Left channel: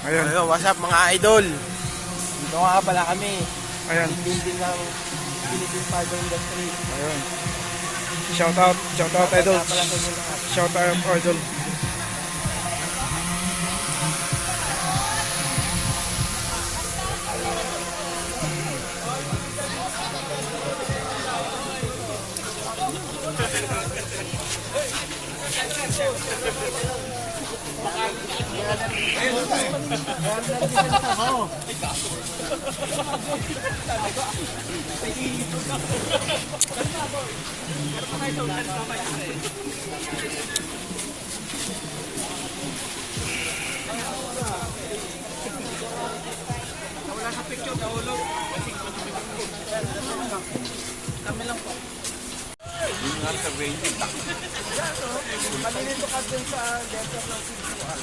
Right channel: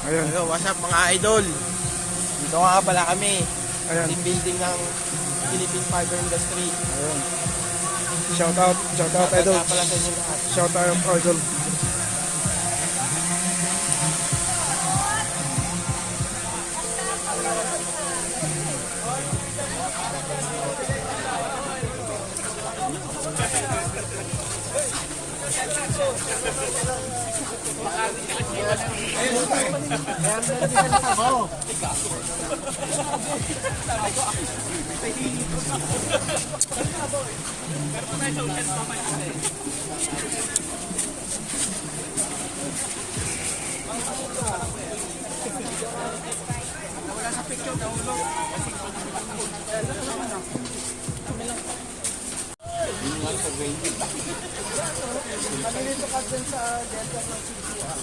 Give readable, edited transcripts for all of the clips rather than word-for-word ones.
Ayan. Hello, what's up mga idol? Dito nga pala kami. Ayan. Team building ng Philippine Fiber Industry. Ayun. Shout out idol. Nga pala sa inyo lahat. Shout out idol. Malilito ka dun sa desktop ng Sisuan.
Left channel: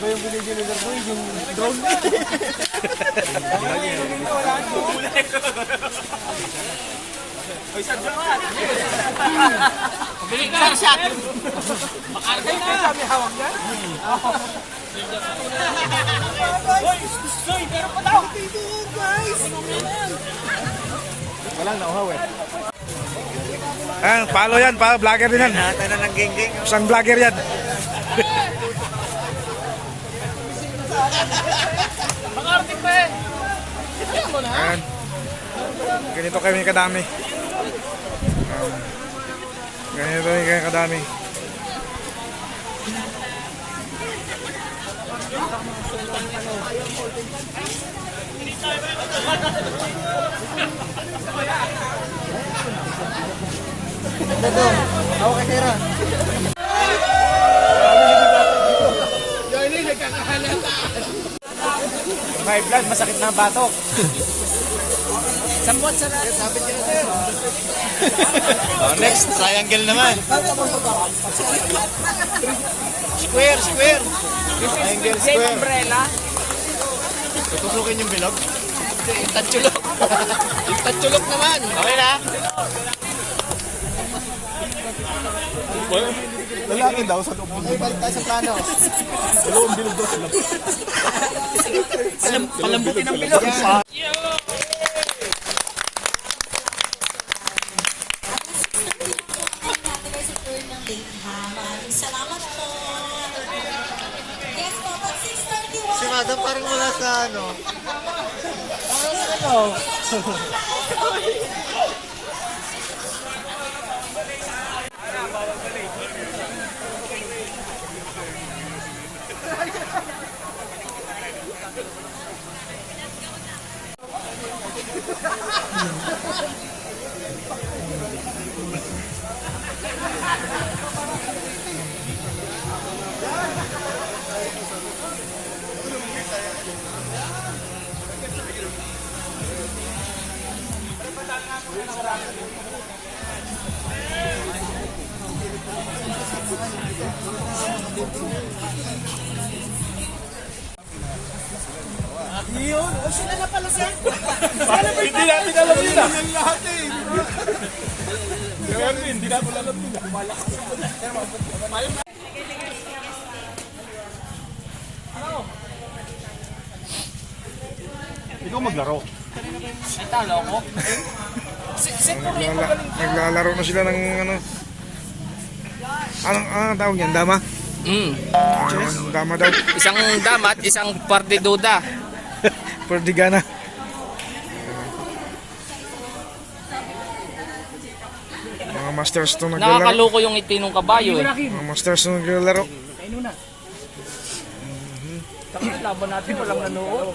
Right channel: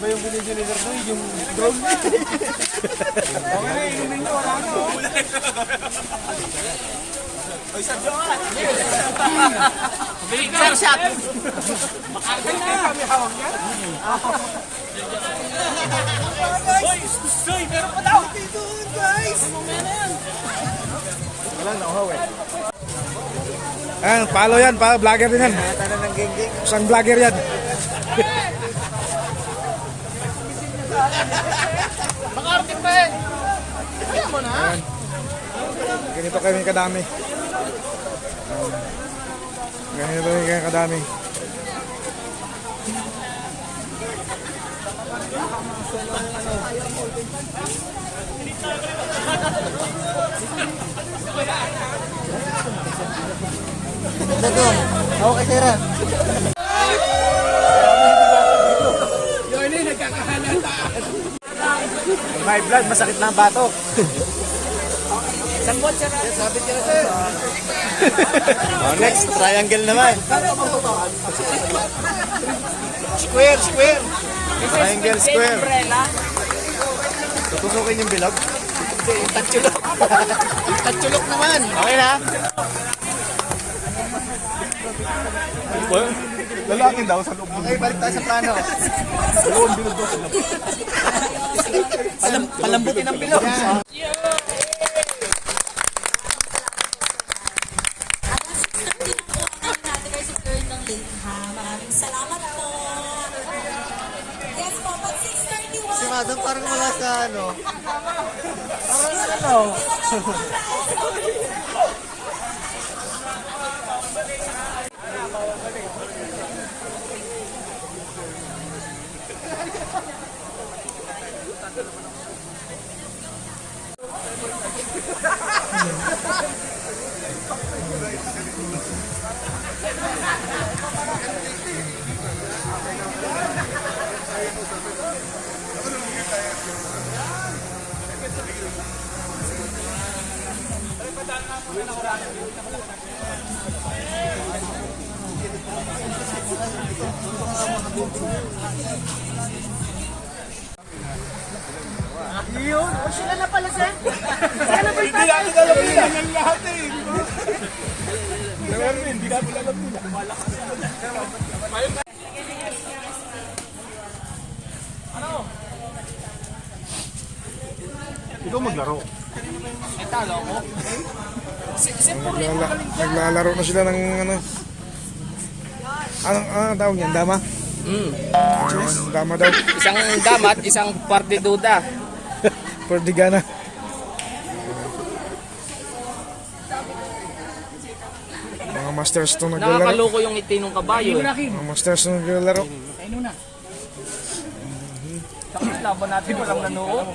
Iba yung binigyan ni Dardo, yung drone. Oy, sa Joa! Bili ka sa akin! Makaragay na kami hawak yan! Hoy, meron pa daw! Dito, guys! Ano meron? Walang nauhaw eh. Ayan, follow yan, vlogger din yan. Nata na ng geng-geng. Isang vlogger yan. Makaragay pa yan! Alam mo na? Ayan. Ganito kami kadami. Ayan. Ganito kami kadami. Ito, ako kay Tira. High blood, masakit na ang batok. Sambot sa sabit ka na sir. Next, triangle naman. Square. Triangle, square. Tutusukin yung bilog. Tatsulok. Tatsulok naman. Okay na? Lalangin daw sa loob. Okay, balik tayo sa plano. Dalawang bilog daw. Palambutin ang bilog. Maraming salamat po. Yes po, pag 6:31. Si Madam parang wala sa ano. Parang ano. Iyo, sila na pala sir. Sila na pala. Hindi natin alam nila. Hindi natin alam nila. Ano? Ikaw maglaro. Ay, talo ako. Naglalaro na sila ng ano. Anong tawag yan? Dama? Dama daw. Isang damat, isang partiduda. Perdigana. Mga masters to naglalaro. Nakakaloko yung itinong kabayo eh. Mga masters to naglalaro. Laban natin, walang nanood.